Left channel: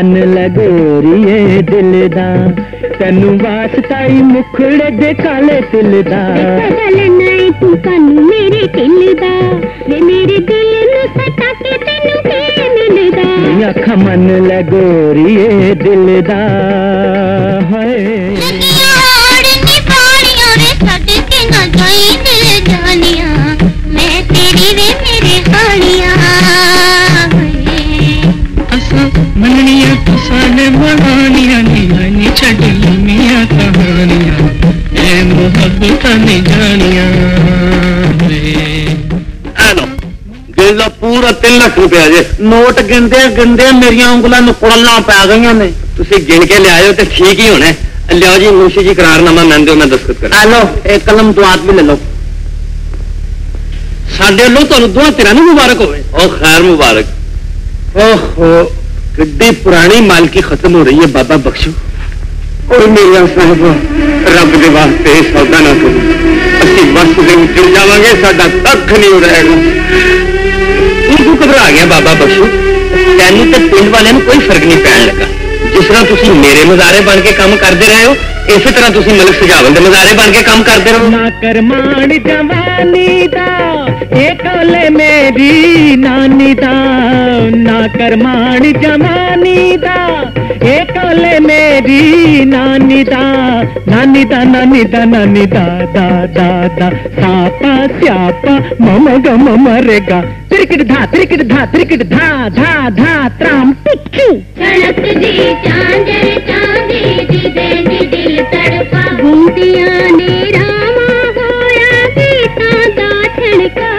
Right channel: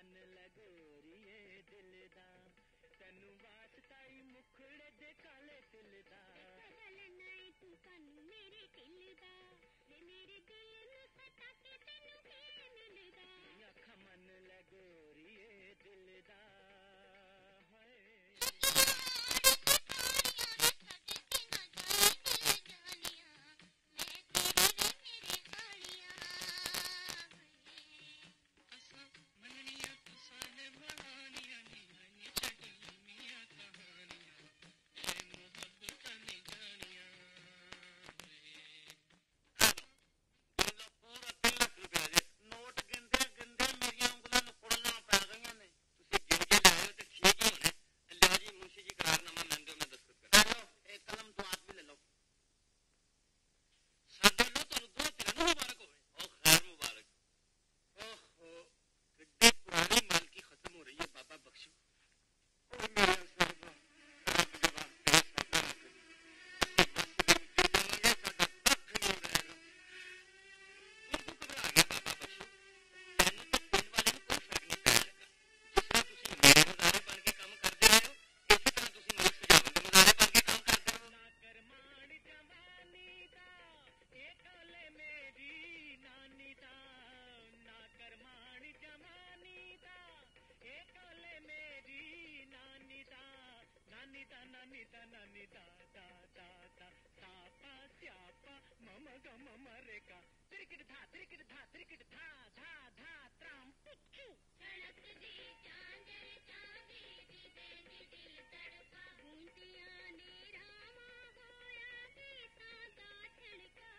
मन लगोरिए दिल दा तैनू वास्ता ही मुखड़े दे काले तिल दा नहीं तू कानू मेरे दिल दा वे मेरे दिल नू सटा के तैनू के मिलदा अखा मन लगोरिए दिल दा हाय मैं तेरी वे मेरे हानिया असा मननिया तुसाने बनानिया नी छड़ लमिया कहानिया ए मोहब्बत ने जानिया हेलो गिनला पूरा 3 लाख रुपया जे नोट गिनदे गिनदे मेरियां उंगलां नु कुड़लां पै गईयां ने तुसी गिन के ले आयो ते ठीक ही होना लियो जी मुंशी जी करारनामा मैं दो मैं दस्तखत कर लो एक कलम तो हाथ भी ले लो साडे लो तो दुआ तेरा नु मुबारक होवे ओ खैर मुबारक ओहो किड्डी पुरानी मालकी खत्म हो रही है बाबा बख्शो और मेरा साहब रब दे वास्ते सौदा ना करो असि बस दे उजड़ जावांगे साडा कख नहीं रहेगा तू घबरा गया बाबा बख्शो तैनू ते पिंड वाले नु कोई फर्क नहीं पैण लगा जिस तरह तुसी मेरे मजारे बन के काम करते रहे हो इसी तरह तुसी मलिक सजावल दे मजारे बन के काम करते रहो ना करमान जवानी दा ए कोले मेरी नानी दा ना करमान जवानी दा ए कोले मेरी नानी दा नानी दा नानी दा नानी दा दा दा दा सापा स्यापा मम गम मरेगा त्रिकट धा धा धा त्राम टिक्की सड़क दी चांदर चांदी दी बेनी दिल तड़पा बूंदियां ने रामा होया गीता दा ठणका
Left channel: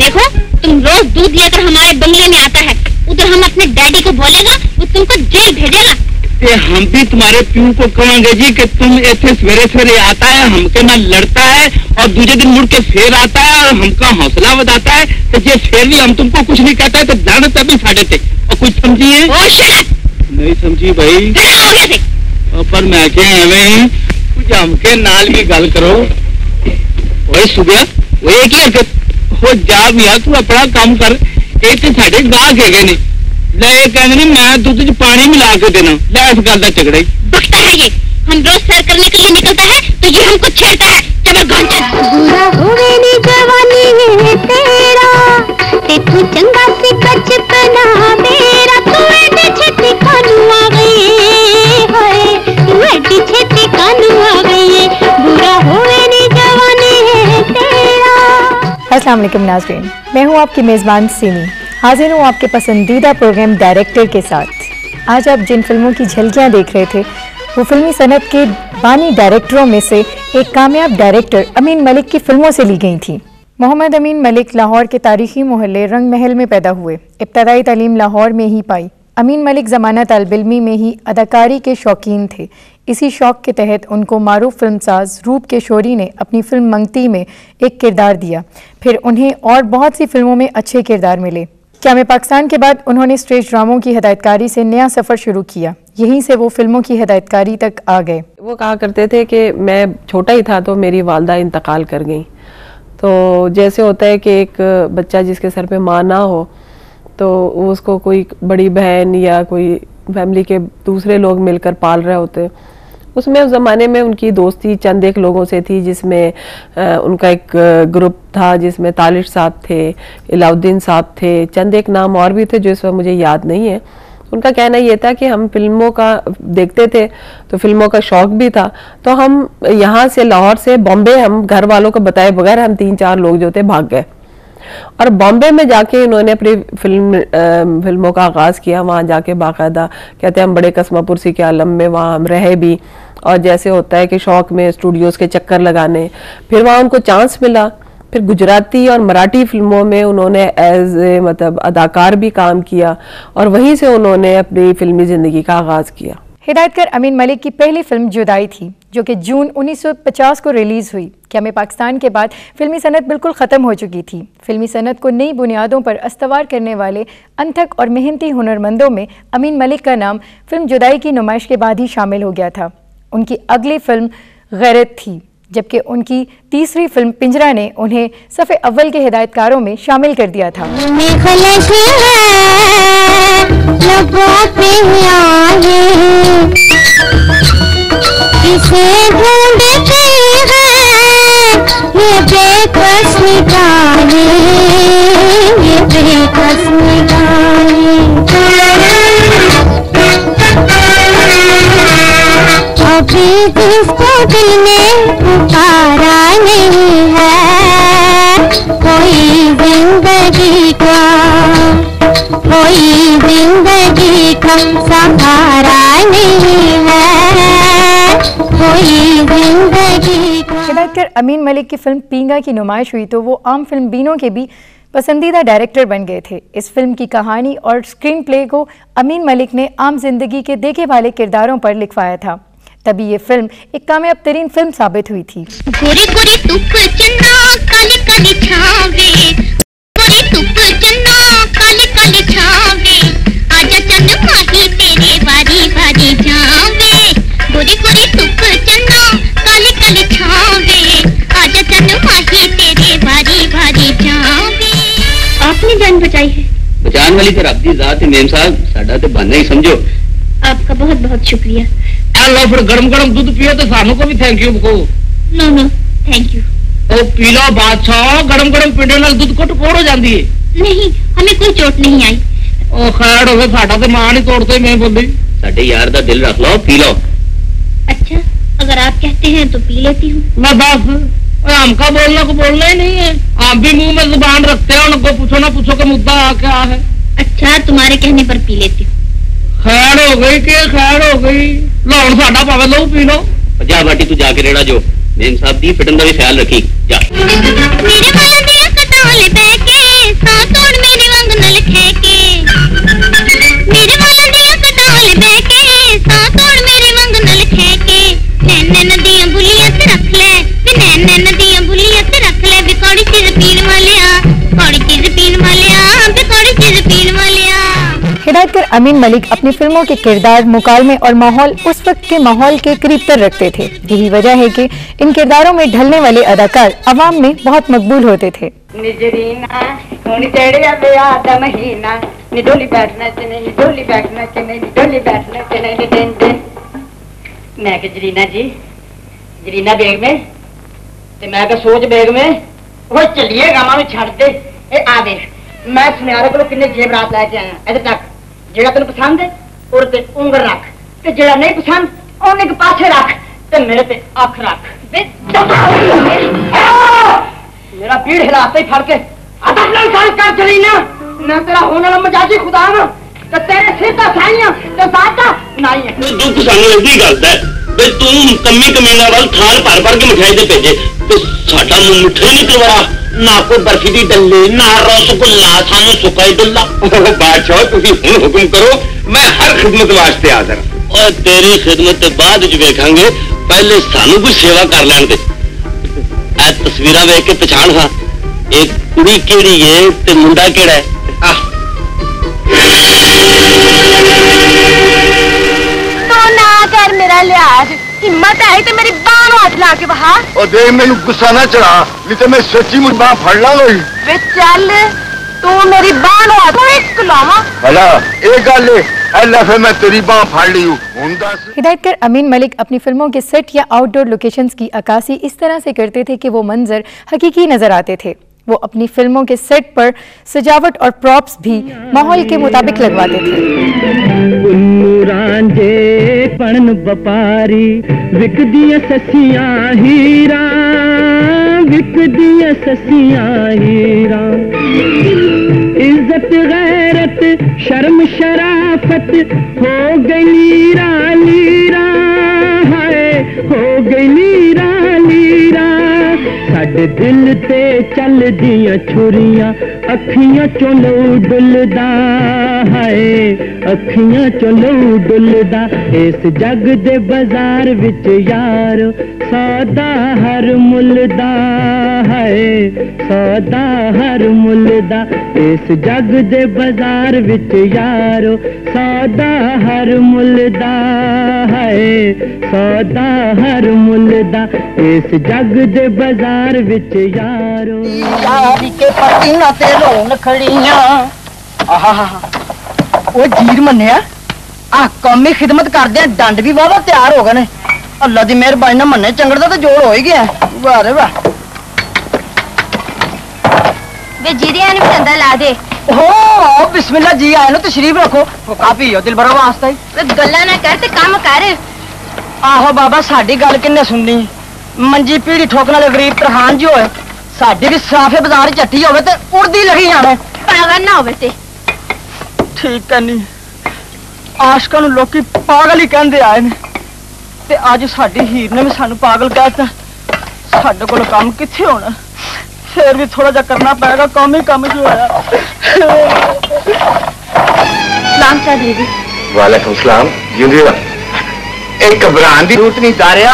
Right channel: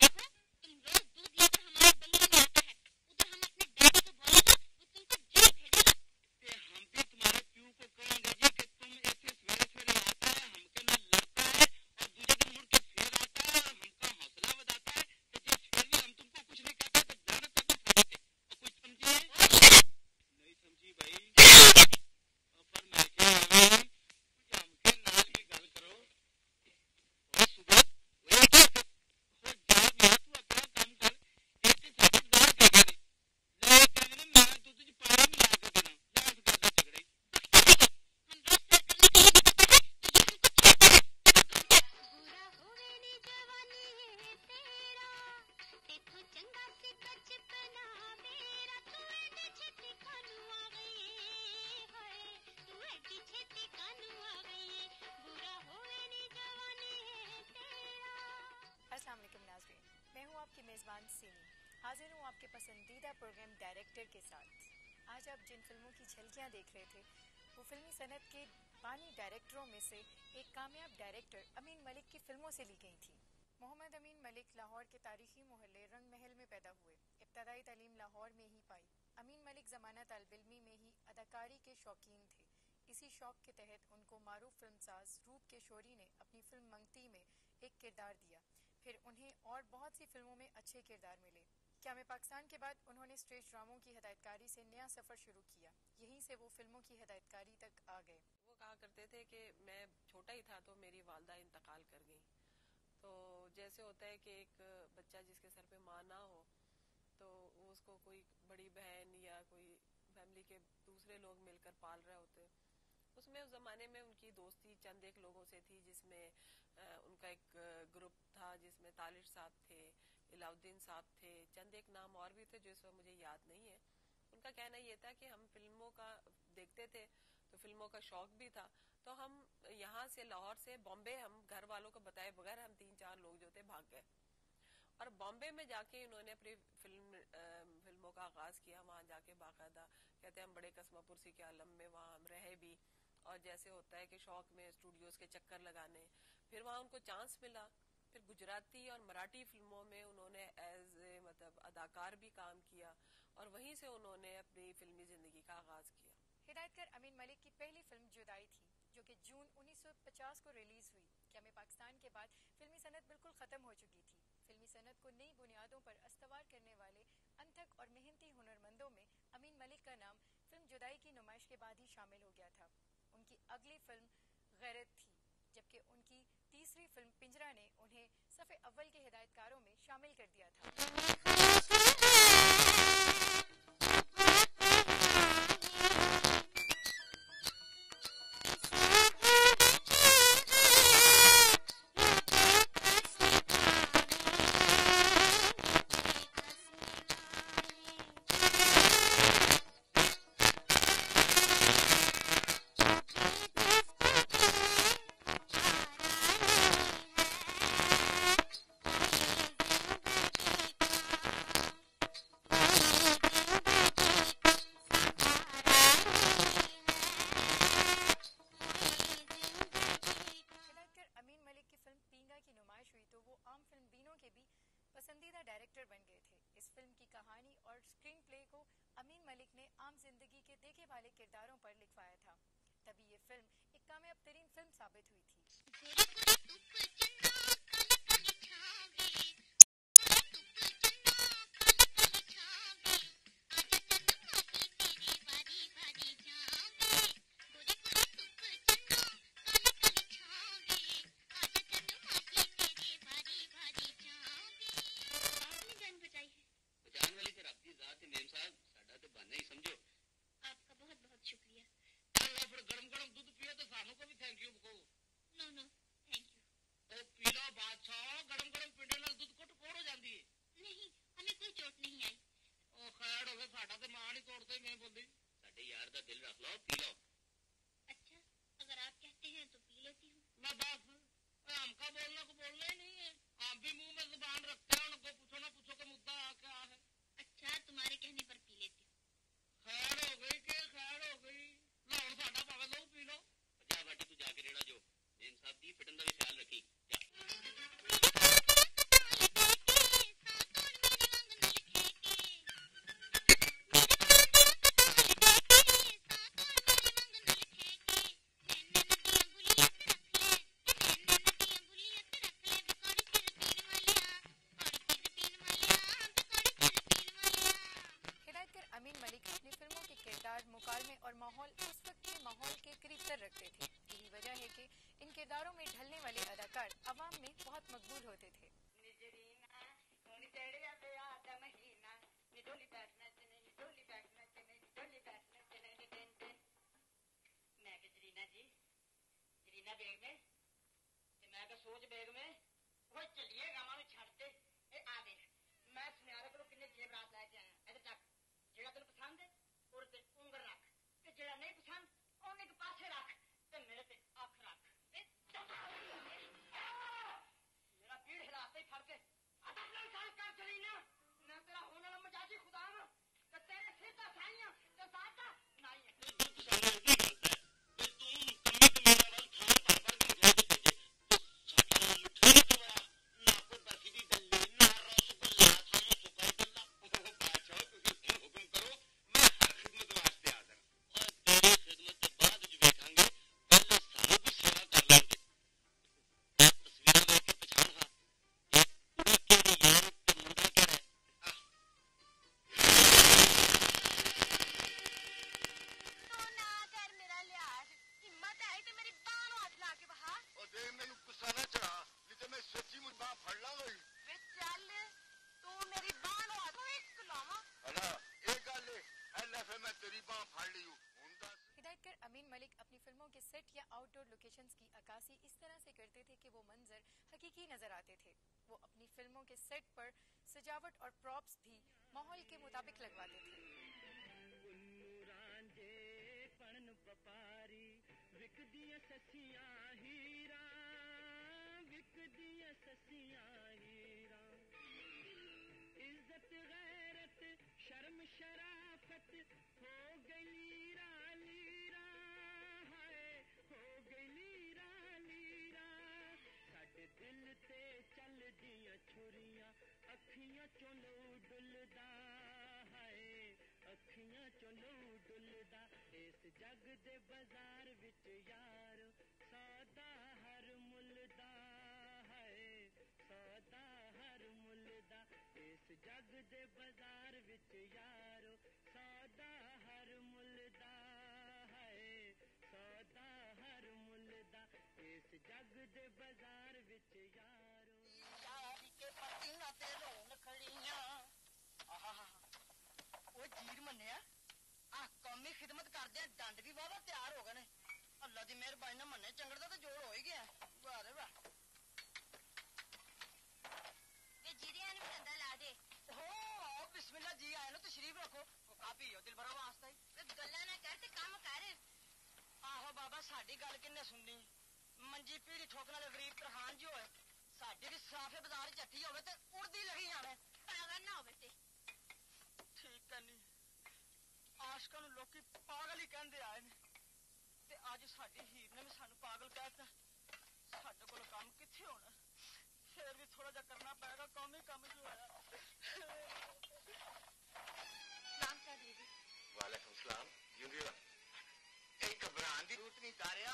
देखो तुम रोज दूध लेकर हमारे बंगले में आता है उधर हम अपने डैडी को बोलेगा वो तुमको जेल भेजेगा ते हम भी तुम्हारे प्यू को कहेंगे जी कि तुम ऐसे सवेरे सवेरे आता है हमके ना लड़ता है और दूसरे दिन मुड़ के फिर आता है और हमका हौसला बताता है तो ये फिर भी हम तुमको कुछ नहीं कहता है तो जानता भी साढ़े थे और कुछ समझिए नहीं समझी भाई पर मैं क्या एवं कुछ हमके नाल भी गल करो वही सुबह वो एक ही हरकत हो जा मियां तू अपना काम कर एक तो साढ़े गाहक है नहीं ले कहने नहीं मैं दूध च पानी मिला के देना ले इस गल का झगड़ा ही बकता है ये हम रोज सैर करने के लिए निकलता है तो ये हमको छेड़ता है जबरदस्त बुरा होवे नी जवानी है तेरा ते तू चंगा सी बचपना मेरा तू एडी छेती कानू आ गई हाय तू एडी छेती कानू आ गई बुरा होवे नी जवानी है तेरा। अस्सलाम वालेकुम नाज़रीन, मैं हूँ आपकी मेज़बान सीमी, हाजिर हूँ आपके पसंदीदा प्रोग्राम डायरेक्टर के साथ। आज आप जिन फिल्मों की झलकियाँ देख रहे थे वो फिल्मी सनत के बानी डायरेक्टरों में से एक कामयाब डायरेक्टर अमीन मलिक की फिल्मों से ली गई थी। मोहम्मद अमीन मलिक लाहौर के तारीखी मोहल्ले रंग महल में पैदा हुए। इब्तदाई तालीम लाहौर में ही पाई। अमीन मलिक ज़माना तालिब-इल्मी में ही अदाकारी के शौकीन थे। इसी शौक़ के तहत उनको मारूफ फिल्मसाज रूप केशोरी ने अपनी फिल्म मंगती में एक किरदार दिया। फिर उन्हें और बहुत सी फिल्मों में अच्छे किरदार मिले। क़याम पाकिस्तान के बाद उन्होंने स्टेज ड्रामों की हिदायतकारी से नया सफ़र शुरू किया। यहीं से वो फिल्मों की हिदायतकारी तक आ गए। वो कहा करते थे कि मैं छोटा ही था तो मेरी वालदा इंतकाल कर गई। तो जैसे होता है कि एक बच्चा जिसके सर पे माँ ना हो तो उसको कोई बड़ी बहन या कोई फैमिली के दूसरे लोग मिलकर पाल रहे होते। उसमें उस ज़माने में उनकी दोस्ती चंद एक लोगों से थी, जिसमें उनका एक ग्रुप था जिसमें तालिश साहब थे, इलाउद्दीन साहब थे, चंद एक नाम और भी थे जो इस वक्त मुझे याद नहीं है। उनका कहना ये था कि हम फिल्मों का देखते थे तो फिल्मों का शौक़ भी था, तो हम यहाँ से लाहौर से बॉम्बे हम घर वालों को बताए बगैर हम 3-4 लोग जो थे भाग गए और बॉम्बे में जाके इन्होंने अपनी फिल्मों का आगाज़ किया। वहाँ जाके बाकायदा कहते हैं हम बड़े कसमापुरसी के आलम में वहाँ हम रहे भी, और जैसे होता है कि शौक़ में स्टूडियोज़ के चक्कर लगाने, फिर वहाँ उनको चांस मिला। फिर गुजराती और मराठी फिल्मों में उन्होंने एज ए मतलब अदाकार भी काम किया और वहीं से उन्होंने अपनी फिल्मी ज़िंदगी का आगाज़ किया। हिदायतकार अमीन मलिक की पहली फिल्म जुदाई थी जो कि जून 1950 को रिलीज़ हुई। क़याम पाकिस्तान के बाद फिल्मी सनत बिल्कुल ख़त्म हो चुकी थी। फिल्मी सनत को नई बुनियादों पर अस्तवार करने वाले अनथक और मेहनती हुनरमंदों में अमीन मलिक का नाम फिल्म जुदाई की नुमाइश के बाद ही शामिल हो गया था। उनकी अगली फिल्म गैरत थी, जबकि उनकी तीसरी फिल्म पिंजरा ने उन्हें सफ़े अव्वल के हिदायतकारों में शामिल कर दिया था। लबों पे आए, किसे ढूंढते हैं ये बेकस निगाहें, ये बेकस निगाहें। अभी जिसको दिल ने पुकारा नहीं है, कोई जिंदगी का, कोई जिंदगी का सहारा नहीं है, कोई जिंदगी का। हिदायतकार अमीन मलिक की फिल्म पींगा की नुमाइश हुई तो वो आम फिल्म बीनों के भी पसंदीदा डायरेक्टर बन गए थे। इस फिल्म की कहानी और स्क्रीन प्ले को अमीन मलिक ने आम जिंदगी के देखे वाले किरदारों पर लिखवाया था, तभी ये फिल्म एक कामयाब तरीन फिल्म साबित हुई थी। गोरी गोरी धुप चन्ना काली काली छावे, गोरी धुप चन्ना काली काली छावे, आजा चन्न माही तेरे बारी बारी जावे। गोरी गोरी धुप चन्ना काली काली छावे, आजा चन्न माही तेरे बारी बारी जावे। आपने जान बचाई है। बचान वाली तो रब दी जात है मेम साहब, साडा ते बहाना ही समझो। आपका बहुत बहुत शुक्रिया। लो फिर गरम गरम दूध पियो तो सानू को भी थैंक यू को। No no thank you. ओ पी लो बादशाह, गरम गरम पीने नाल दूध को टकोर हो जाती है। नहीं हमें कोई चोट नहीं आई। ओ खैर होवे, साडा ते मान ही तोड़ते मैं बोली। साडे यार दा दिल रख लो, पी लो। अच्छा अगर आप कहते हैं तो पी लेती हूँ। मैं बस हमका बोलना को बोलना ही नहीं है, आप भी मुंह में जुबान रखते हो, उनको पूछो ना पूछो का मुद्दा क्या है। अच्छा तुम्हारे कहने पर पी लेती हूँ। खैर हो गई के खैर हो गई, लो हुण साडा पावे लो पी लो। जा बाटी तू जाके रेड़ा जो मेम साहब दी फिटन दा भी ख्याल रखी जा। मेरे वाला दिया कटाले बैके सा तोड़ मेरे वांग नल खेके, मेरे वाला दिया कटाले बैके सा तोड़ मेरे वांग नल खेके। नैन नदियां बुलियां ते रख ले, नैन नदियां बुलियां ते रख ले, बिकौड़ी चीज पीन वालिया, कौड़ी चीज पीन वालिया, बिकौड़ी चीज पीन वालिया। हिदायतकार अमीन मलिक अपनी फिल्मों के किरदार, मुकालमे और माहौल उस वक्त के माहौल के करीब तर रखते थे। यही वजह है कि इन किरदारों में ढलने वाले अदाकार अवाम में बहुत मकबूल होते थे। निजरीना हुन चढ़िया ब्याह दा महीना, निडोली बैठना चने, निडोली बैठना चने, निडोली बैठना चने दिन दिन। मैं के जरीना जी, जरीना बेग में ते मैं के सोच बेग में वो चलिए गामा में छड़ दे। ए आ देख मैं सुनियारे को किन्ने जेवरात लेके आया, इधर तक जेड़ा तेन पसंद है और ते उंगल रख, ते जेड़ा नहीं पसंद ओने के पासे रख, ते मेरे ते अख रख। मेरा पीड़ हिलाते ही फड़ के कर चली ना, मैं तेरा होने वाला मजाजी खुदा ना, ते तेरे सिर दा साइयां ते सादा नहीं है। तू सानू इदी गल है बे तू कमी कमीना वाल थाल भर भर के मिठाई दे भेजे ते साडा मुंह मिठा ही नहीं करवाया, ना कोई बर्फी दी डल्ली ना रसगुल्ला, सानू सुका ही डुल्ला। बादशाह तुसी हुण हुक्म करो, मैं हर खिदमत वास्ते हाजिर। और तेरी खिदमत ते बाद विच वेखांगे, पहले सानू कोई सेवा कर लैण दे। ए तस्वीरां वेख के पछाण हां एक कुड़ी केड़ी है ते मुंडा केड़ा है। तो ना कर मेरा लिहाज, हिम्मत है तो मेरी बांह हाथ ला के बहा। और देख मैनू गुस्सा ना चढ़ा, नहीं तो मैं सच्ची मुझ बांह फड़ लांगा। वे चल तू मेरी बांह हाथ एक लावा। भला एक गल है, अल्लाह फिर मैं तेरी बांह फड़ ली हूं। हिदायतकार अमीन मलिक अपनी फिल्मों के सेट या आउटडोर लोकेशंस की अक्कासी इस तरह से करते थे कि वो मंजर हकीकी नजर आते थे। वो अपनी फिल्मों के सेट पर सजावट और प्रॉप्स भी माहौल के मुताबिक लगवाते थे। रांझे पढ़न बपारी विकदियां ससियां हीरा, विकदियां ससियां हीरा। इज्जत गैरत शर्म शराफत हो गई नीरा नीरा, हाय हो गई नीरा नीरा। साडे दिल ते चल दियां छुरियां अखियां चों लहू डुलदा, हाय अखियां चों लहू डुलदा। इस जग दे बाजार विच यार सौदा हर मुल्ल दा, हाय सौदा हर मुल्ल दा। इस जग दे बाजार विच यार सौदा हर मुल्ल दा, हाय सौदा हर मुल्ल दा। इस जग दे बाजार विच यारो यारी के पसीना ते रोन खड़ियां। आहा ਉਹ ਜੀਰ ਮੰਨਿਆ ਆ ਕੌਮੀ ਖਿਦਮਤ ਕਰਦੇ ਆ ਡੰਡ ਵੀ ਵਾਵਾ ਤਿਆਰ ਹੋ ਗਏ ਨੇ ਅੱਲਾ ਦੀ ਮਿਹਰਬਾਨੀ ਨਾਲ ਮੰਨੇ ਚੰਗੜ ਦਾ ਤਾਂ ਜੋੜ ਹੋ ਹੀ ਗਿਆ ਵਾਹ ਰੇ ਵਾਹ ਵੇ ਜੀਰਿਆਂ ਨੂੰ ਚੰਦਾ ਲਾ ਦੇ ਓ ਬਿਸਮਿल्लाह जी आए नो तशरीफ रखो वो काफी हो दिल बड़ा वास्ता ही वे गल्ला ना कर ते काम कर आहो बाबा साडी गल किन्ने सुननी मंजी पीढ़ी ठोकने वाले गरीब तरहान जी होए साडी भी साफे बाजार चट्टी होवे ते उड़दी लगी जावे पागल ना होवे ते ठीक है नहीं आशकां नूं लोकी पागल ही कहंदे आए ने ते अज साडी हीर ने भी सानू पागल कहता साडे कोल काम किथे होना फिर भी थोड़ा जा करना पड़ेगा काम ही कम जो है सलाम चौधरी जी वालेकुम सलाम जिंदी रह एक घबरान दी जरूरत नहीं तारिया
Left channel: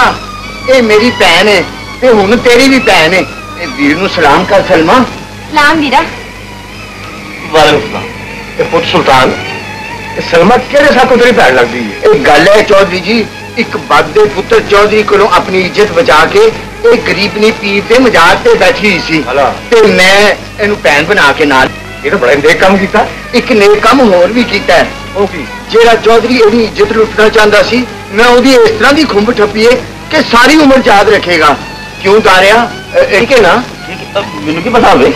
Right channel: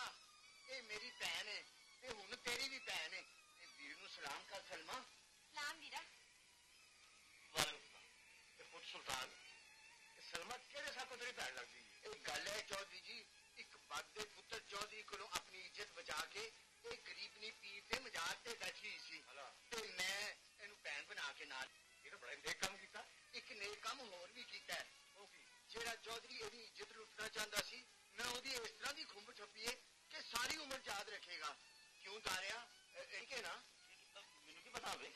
ए मेरी भैन है ते हुन तेरी भी भैन है ए वीर नु सलाम कर सलमा सलाम वीरा वालेकुम सलाम ए पुत्र सुल्तान ए सलमा केड़े सा को तेरी भैन लगदी है ए गल है चौधरी जी एक बदे पुत्र चौधरी कोलों अपनी इज्जत बचा के एक गरीब ने पीर ते मजाक ते बैठी हुई सी ते मैं इहनू भैन बना के नाल ये तो बड़ा नेक काम कीता एक नेक काम होर भी कीता है ओ की जेड़ा चौधरी इहदी इज्जत लुटना चाहता सी मैं ओदी इस तरह दी खुंब ठप्पीए कि सारी उम्र याद रखेगा क्यों तारिया ठीक है ना मैनू की पता होवे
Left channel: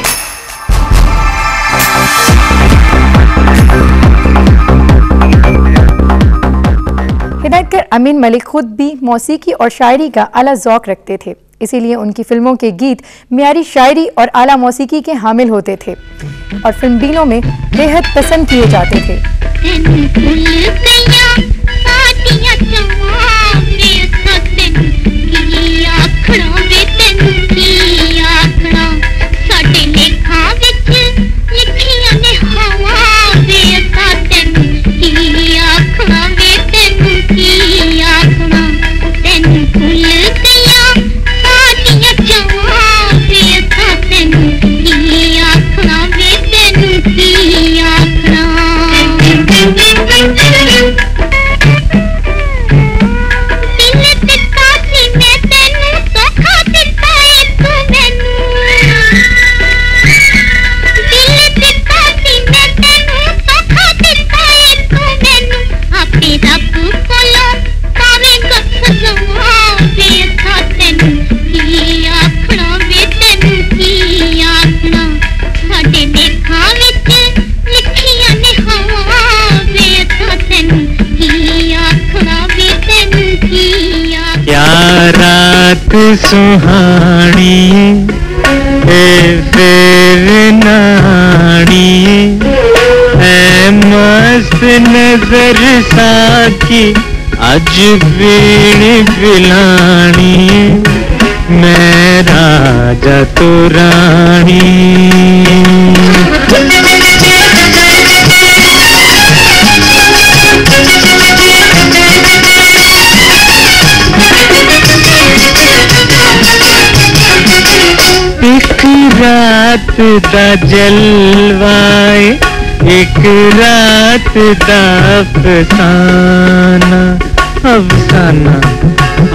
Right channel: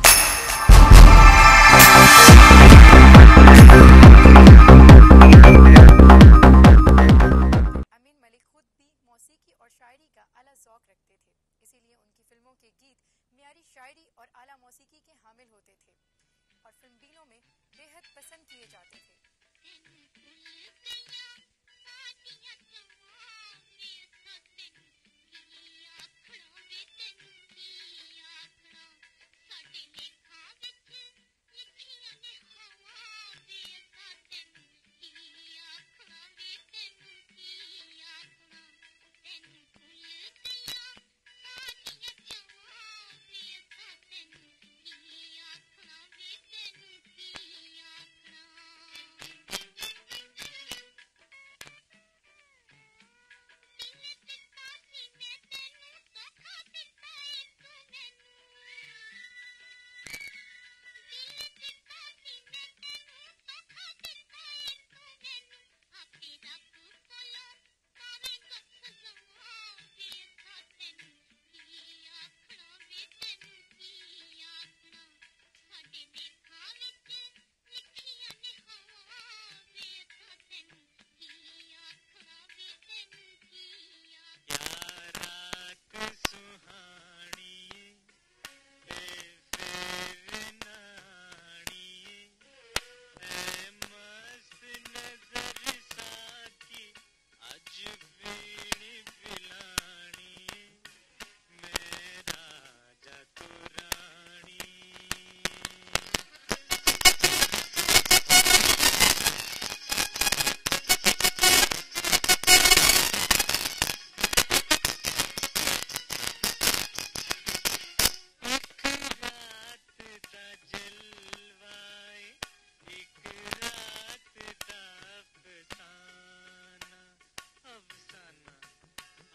हिदायतकार अमीन मलिक खुद भी मौसीकी और शायरी का आला ज़ौक़ रखते थे, इसीलिए उनकी फिल्मों के गीत मियारी शायरी और आला मौसीकी के हामिल होते थे और फिल्म डीलों में बेहद पसंद किए जाते थे। सुहानी फिर नानी है मस्त नजर साकी अज बीड़ पिलानी मैं राजा तो रानी रात दा जलवाए एक रात दा अफसाना अफसाना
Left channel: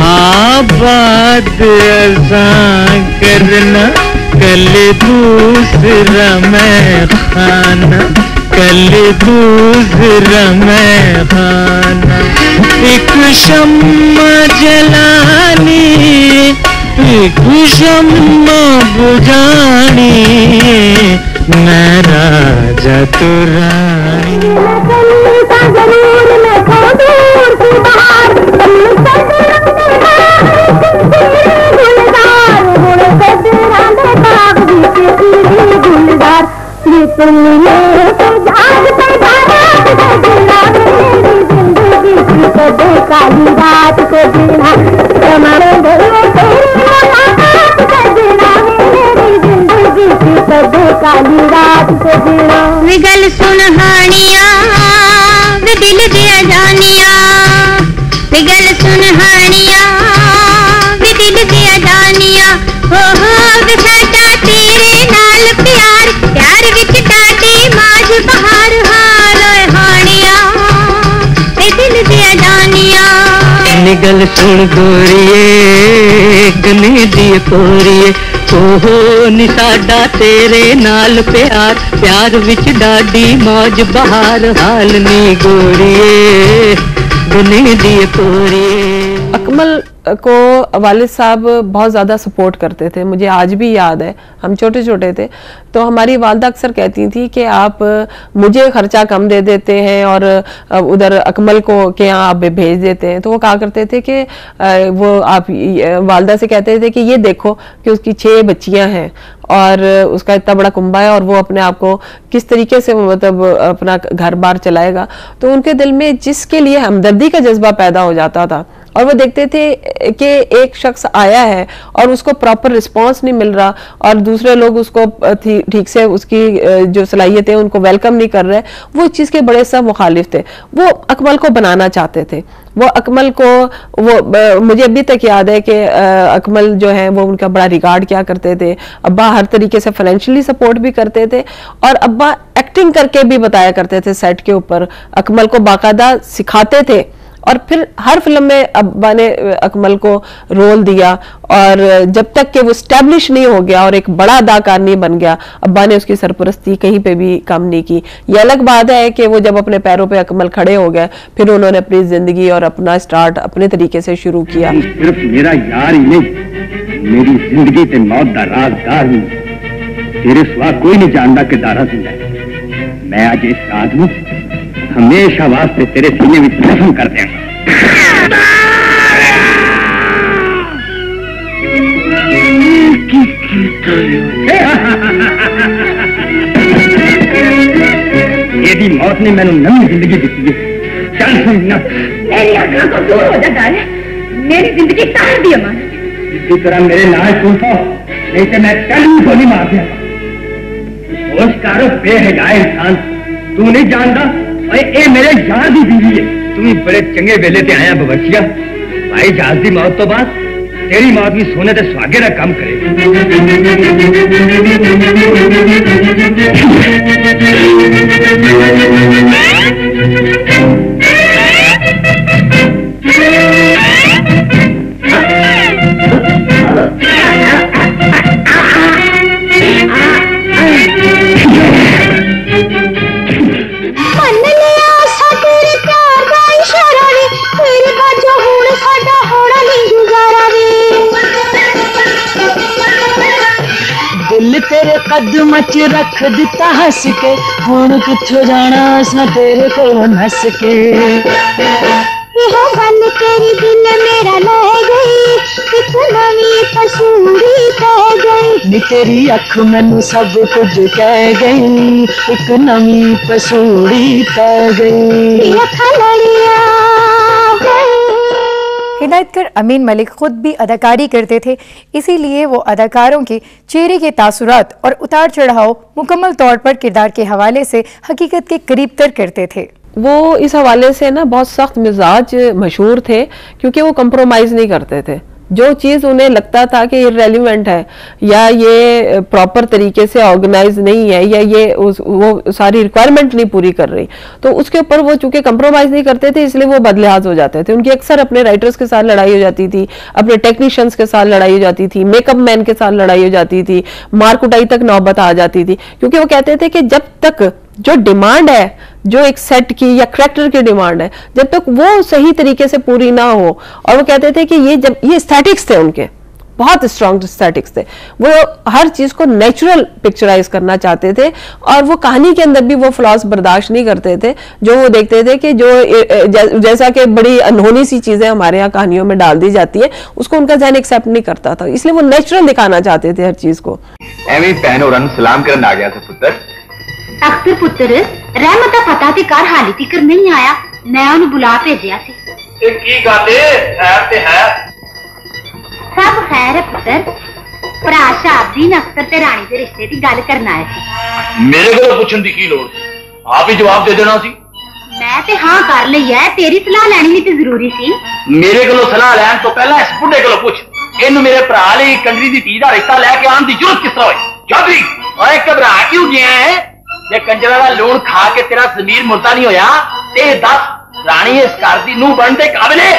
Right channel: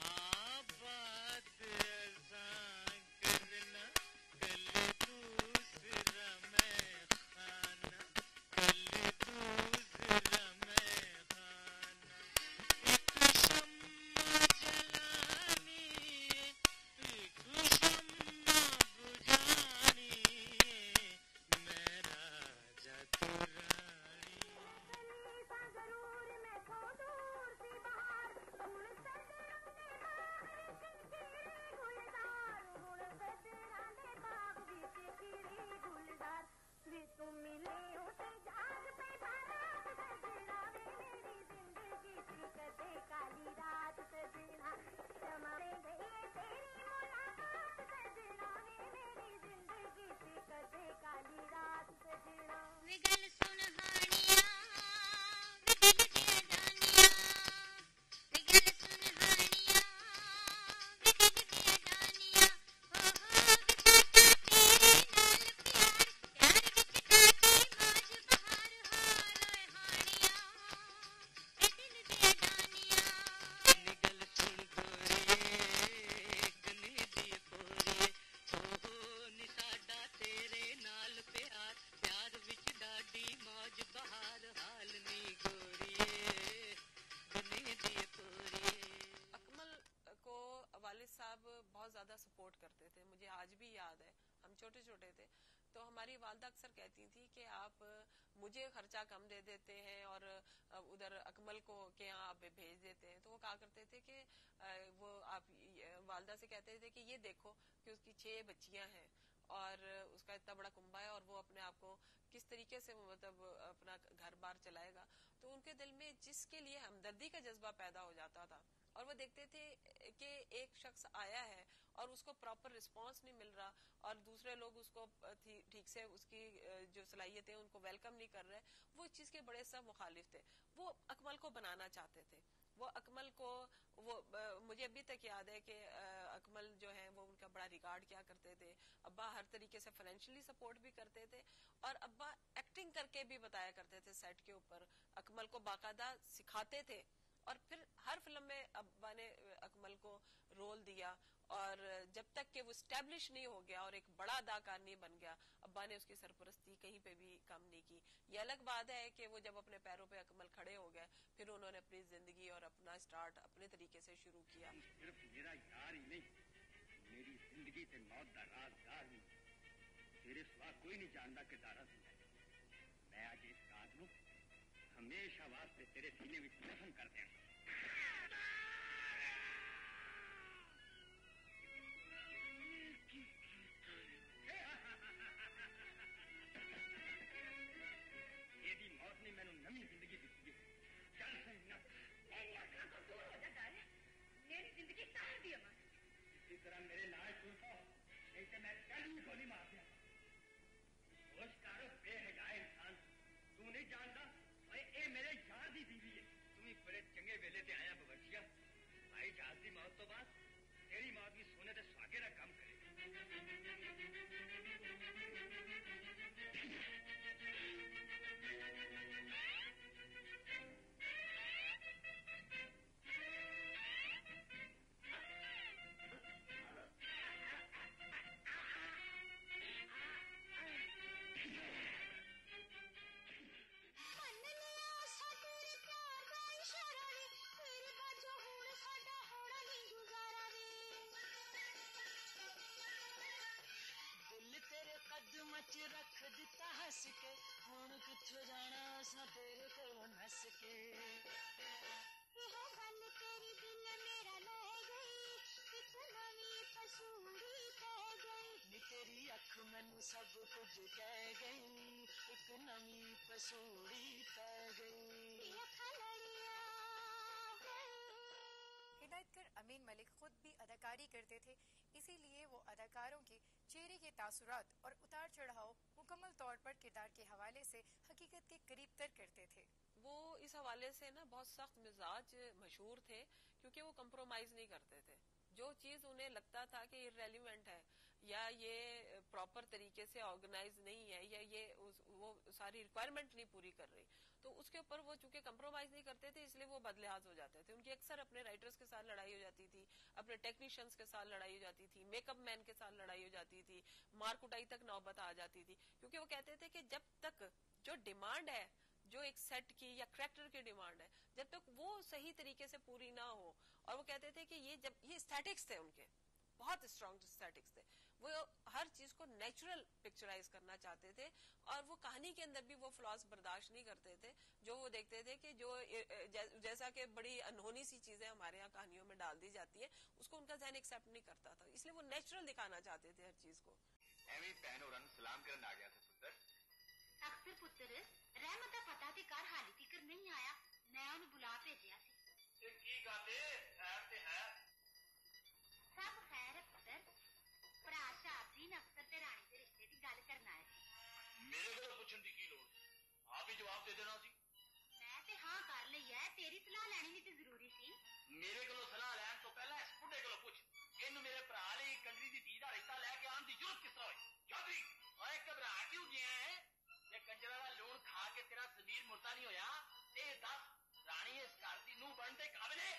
आबाद अज़ां करना कल दूसरा मैं खाना कल दूसरा मैं खाना एक शम्मा जलानी एक शम्मा बुझानी मैं राजा तो रानी काली रात को जीना हमारे काली रात को जीना विगल सुनहानिया वे दिल दिया जानिया विगल सुनहानिया वे दिल दिया जानिया हो वे साडा तेरे नाल प्यार प्यार विच टाटी माज बहार हाल हानिया वे दिल दिया जानिया निगल सुन गोरिए गने दी पोरिए ओहो नी साडा तेरे नाल प्यार, प्यार विच डाडी मौज बहार, हाल नी गोरिए दुनिया दी कोरी। अकमल को वालिद साहब बहुत ज़्यादा सपोर्ट करते थे, मुझे आज भी याद है, हम छोटे छोटे थे तो हमारी वालदा अक्सर कहती थी कि आप मुझे खर्चा कम दे देते हैं और उधर अकमल को के यहाँ आप भेज देते हैं। तो वो कहा करते थे कि वो आप वालदा से कहते थे कि ये देखो कि उसकी 6 बच्चियां हैं और उसका इतना बड़ा कुंबा है और वो अपने आप को किस तरीके से मतलब अपना घर बार चलाएगा। तो उनके दिल में जिसके लिए हमदर्दी का जज्बा पैदा हो जाता था और वो देखते थे कि एक शख्स आया है और उसको प्रॉपर रिस्पांस नहीं मिल रहा और दूसरे लोग उसको ठीक से उसकी जो सलाहियत है उनको वेलकम नहीं कर रहे, वो इस चीज़ के बड़े सब मुखालिफ थे। वो अकमल को बनाना चाहते थे, वो अकमल को वो मुझे अभी तक याद है कि अकमल जो है वो उनका बड़ा रिगार्ड किया करते थे। अब्बा हर तरीके से फाइनेंशियली सपोर्ट भी करते थे और अब्बा एक्टिंग करके भी बताया करते थे सेट के ऊपर, अकमल को बाकायदा सिखाते थे। और फिर हर फिल्म में अब्बा ने अकमल को रोल दिया और जब तक कि वो स्टैब्लिश नहीं हो गया और एक बड़ा अदाकार नहीं बन गया, अब्बा ने उसकी सरपरस्ती कहीं पे भी कम नहीं की। ये अलग बात है कि वो जब अपने पैरों पे अकमल खड़े हो गए फिर उन्होंने अपनी जिंदगी और अपना स्टार्ट अपने तरीके से शुरू किया। सिर्फ मेरा यार ही नहीं, मेरी जिंदगी ते मौत दा राज़दार हूं, तेरे सिवा कोई नहीं जानता कि दारा जिंदा है। मैं आज इस रात में हमेशा वास्ते तेरे सीने में दफन कर देंगे। यदि मौत ने मैंने नई जिंदगी दी है, चल समझना मेरी आंखों को दूर हो जा, मेरी जिंदगी तार दी अमन। इसी तरह मेरे नाल सुन तो, नहीं तो मैं कल ही गोली मार दिया। होश करो बेहया इंसान, तू नहीं जानता ए मेरे यार दी बीवी है। तू बड़े चंगे वेले ते आया बबचिया, भाई जहाज दी मौत तो बाद तेरी मौत भी सोने ते सुहागे दा काम करे। तेरे कदम च रख दिता हस के, हुण किथों जाना असां तेरे कोलों नस के। यह गल तेरी दिल मेरा ले गई, एक नवी तस्वीर कह गई। नी तेरी अख मैनू सब कुछ कह गई, एक नवी पसूड़ी कह गई। हिदायतकार अमीन मलिक खुद भी अदाकारी करते थे, इसीलिए वो अदाकारों के चेहरे के तासुरात और उतार चढ़ाव मुकम्मल तौर पर किरदार के हवाले से हकीकत के करीब तर करते थे। वो इस हवाले से ना बहुत सख्त मिजाज मशहूर थे क्योंकि वो कंप्रोमाइज़ नहीं करते थे। जो चीज़ उन्हें लगता था कि इररेलेवेंट है या ये प्रॉपर तरीके से ऑर्गेनाइज नहीं है या ये वो सारी रिक्वायरमेंट नहीं पूरी कर रही, तो उसके ऊपर वो चूंकि कंप्रोमाइज़ नहीं करते थे इसलिए वो बदलिहाज हो जाते थे। उनकी अक्सर अपने राइटर्स के साथ लड़ाई हो जाती थी, अपने टेक्नीशियंस के साथ लड़ाई हो जाती थी, मेकअप मैन के साथ लड़ाई हो जाती थी, मार कुटाई तक नौबत आ जाती थी। क्योंकि वो कहते थे कि जब तक जो डिमांड है, जो एक सेट की या करैक्टर की डिमांड है, जब तक वो सही तरीके से पूरी ना हो, और वो कहते थे कि ये एस्थेटिक्स थे उनके, बहुत स्ट्रॉन्ग एस्थेटिक्स थे, वो हर चीज को नेचुरल पिक्चराइज करना चाहते थे और वो कहानी के अंदर भी वो फ्लॉज बर्दाश्त नहीं करते थे जो वो देखते थे कि जो जैसा कि बड़ी अनहोनी सी चीजें हमारे यहाँ कहानियों में डाल दी जाती है उसको उनका ज़हन एक्सेप्ट नहीं करता था, इसलिए वो नेचुरल दिखाना चाहते थे हर चीज को। एवं भैन होरां नूं सलाम करन आ गया था पुत्र। अख्तर पुत्र रहमत दा पता ते कर हाली तिकर नहीं आया, मैं उन्हें बुला भेजिया सी। की गल खैर ते है? सब खैर है पुत्र, भरा शाहबदीन अख्तर ते रानी दे रिश्ते दी गल करना है। मेरे को पूछन दी की लोड़, आप ही जवाब दे देना सी। मैं ते हाँ कर ली है, तेरी सलाह लैनी भी ते जरूरी सी। मेरे को सलाह लैन तो पहला इस बुढ़े को पूछ, इन्हू मेरे भरा ले कंजरी दी धी दा रिश्ता लैके आने दी जरूरत किस तरह हुई? चौधरी ओए घबरा क्यों गया है? जे कंजरा दा लूण खा के तेरा जमीर मुर्दा नहीं होया ते दस रानी इस घर दी नूं बनदे काबिल है?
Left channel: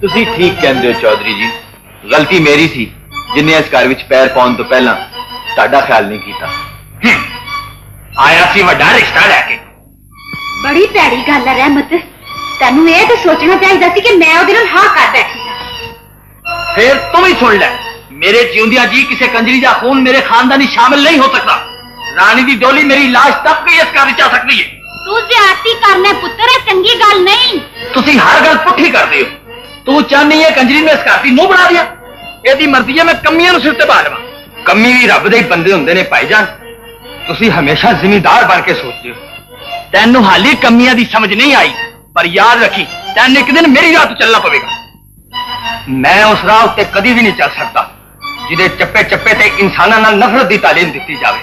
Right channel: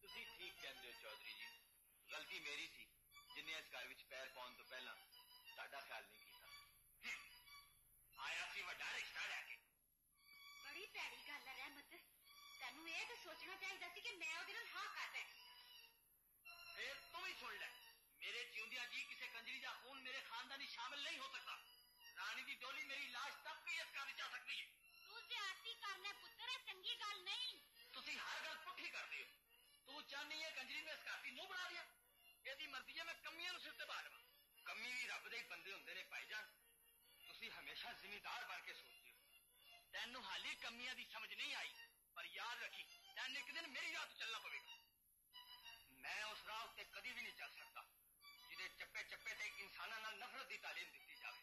तुसी ठीक कहंदे हो चौधरी जी, गलती मेरी सी, जिन्हें इस घर विच पैर पाउण तो पहला तुहाडा ख्याल नहीं कीता। आया सी वड्डा रिश्ता लैके। बड़ी भैड़ी गल है रहमत, तेनू ये तो सोचना चाहिए सी कि मैं उहदे नाल हां कर बैठी सां। फिर तुम ही सुन लै, मेरे जिउंदियां जी किसी कंजरी दा खून मेरे खानदानी शामिल नहीं हो सकता। रानी दी डोली मेरी लाश तक भी इस घर विच आ सकती है। तू ज्यादती करना पुत्र, चंगी गल नहीं। तुसी हर गल पुट्ठी करदे हो। तू चाहनी है कंजरी में इस घर दी नूंह बना दिया। एदी मर्जी है मैं कमियां नूं सिर ते पा लवां। कमी भी रब दे बंदे हुंदे ने भाईजान। तुसी हमेशा जिम्मेदार बन के सोचदे हो। तैनू हाली कमियां दी समझ नहीं आई, पर याद रखी तैन एक दिन मेरी राह चलना पवेगा। मैं उस राह उत्ते कदी भी नहीं चल सकता जिहदे चप्पे चप्पे ते इंसानां नाल नफरत दी तालीम दित्ती जावे।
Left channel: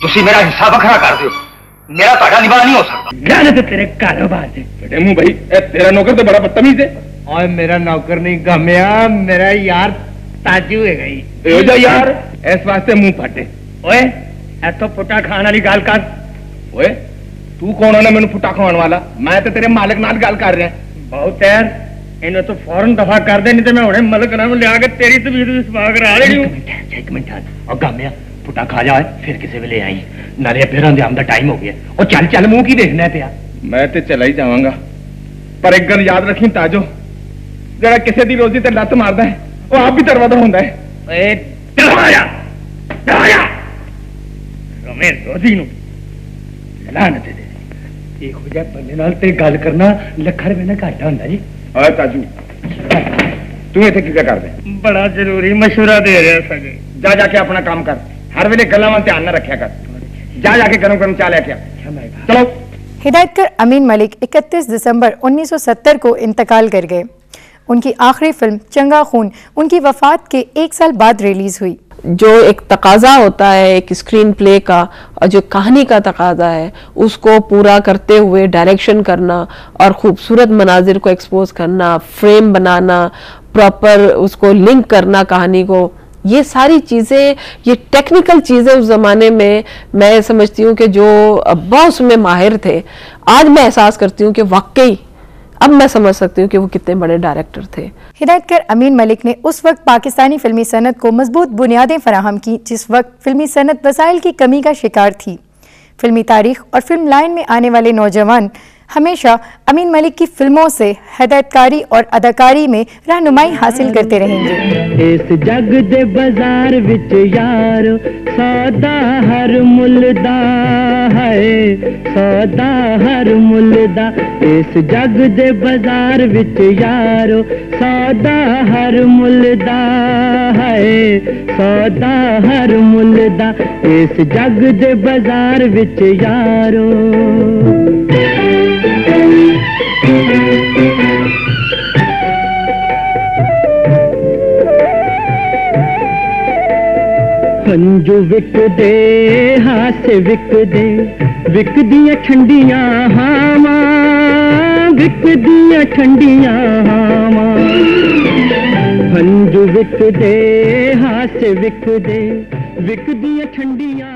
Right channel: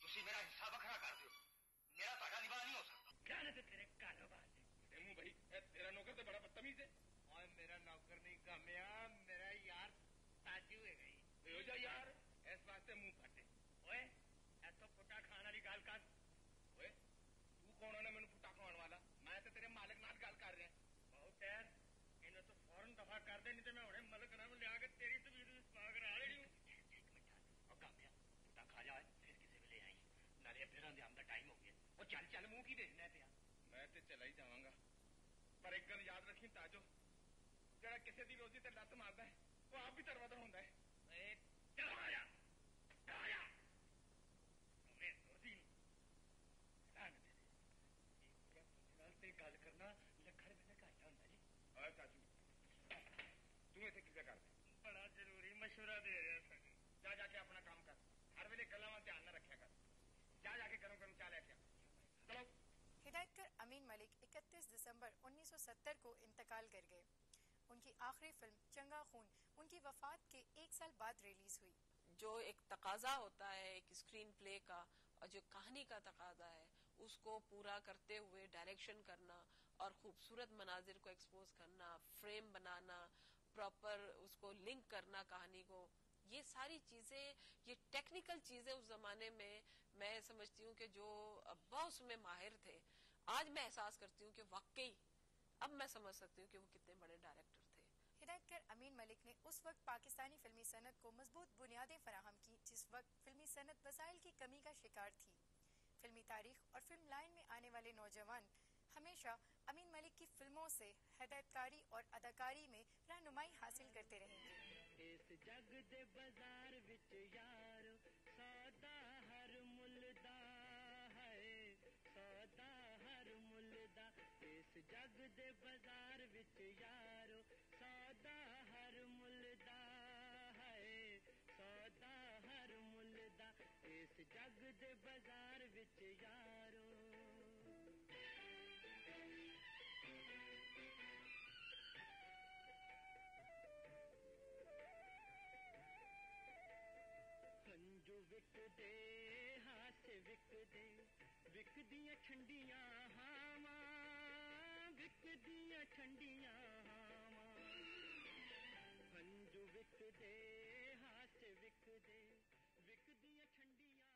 तुसी मेरा हिस्सा वखरा कर दिओ, मेरा तुहाडा निभा नहीं हो सकता। लानत तेरे कारोबार से। बेटे मुंह भाई, तेरा नौकर तो बड़ा बदतमीज है। और मेरा नौकर नहीं गम्या, मेरा यार ताजू है गई। जा यार, इस वास्ते मुंह फटे। ओए ऐथों पुट्टा खाण वाली गल कर। ओए तू कौन है मैनू पुट्टा खाने वाला? मैं तो तेरे मालिक नाल गल कर रहा। बहुत यार, इन्हें तो फौरन दफा कर दे, नहीं तो मैं हुणे मलक नाल लिया के तेरी तबीयत भी सवा करा लेनी। एक मिनट और गम्या पुट्टा खा जाए फिर किसी वेले आई, नाले फिर अंजाम दा टाइम हो गया। और चल चल मुंह की देखना पिया। मैं तो चला ही जावांगा, पर एक गल याद रखी ताजो, जरा किसी दी रोजी ते लत मारदा है वो आप भी दरवाजा होंदा है। ओए दरवाजा दरवाजा रमे रोजी नु लानत दे। एक हो जाए बंदे नाल ते गल करना लखा रुपए ना घाटा हुंदा जी। ओए ताजू तू इत्थे की कर दे? बड़ा जरूरी मशवरा दे रहा सगे। जा जाके अपना काम कर, हर वेले गल्लां वाल ध्यान न रखा कर। जा जाके गरम गरम चाय लेके आ। चलो। हिदायतकार अमीन मलिक 31 दिसंबर 1970 को इंतकाल कर गए। उनकी आखिरी फिल्म चंगा खून उनकी वफात के 1 साल बाद रिलीज हुई। जो एक तकाजा होता है एक स्क्रीन प्ले का और जो कहानी का तकाजा है उसको पूरा करते हुए डायरेक्शन करना और खूबसूरत मनाजिर को एक्सपोज करना, फ्रेम बनाना, प्रॉपर उसको लिंक करना कहानी को, ये सारी चीज़ें, ये टेक्निकल चीज़ें उस ज़माने में मैं समझती हूँ कि जो अब्बा उसमें माहिर थे, आज मैं एहसास करती हूँ कि वाकई अब मैं समझ सकती हूँ कि वो कितने बड़े डायरेक्टर थे। हिदायतकार अमीन मलिक ने उस वक्त पाकिस्तानी फिल्मी सनत को मजबूत बुनियादें फराहम की जिस वक्त फिल्मी सनत वसाइल की कमी का शिकार थी। फिल्मी तारीख और फिल्म लाइन में आने वाले नौजवान हमेशा अमीन मलिक की फिल्मों से हिदायतकारी और अदाकारी में रहनुमाई हासिल करते रहेंगे। इस जग दे बाजार विच यार सौदा हर मुल्दा है, सौदा हर मुल्दा। इस जग दे बाजार विच यार सौदा हर मुल्दा है, सौदा हर मुल्दा। इस जग दे बाजार विच यारो हंजू विकदे हासे विकदे, विकदियां ठंडियां हावां, विकदियां ठंडियां हावां। हंजू विकदे हासे विकदे, विकदियां ठंडियां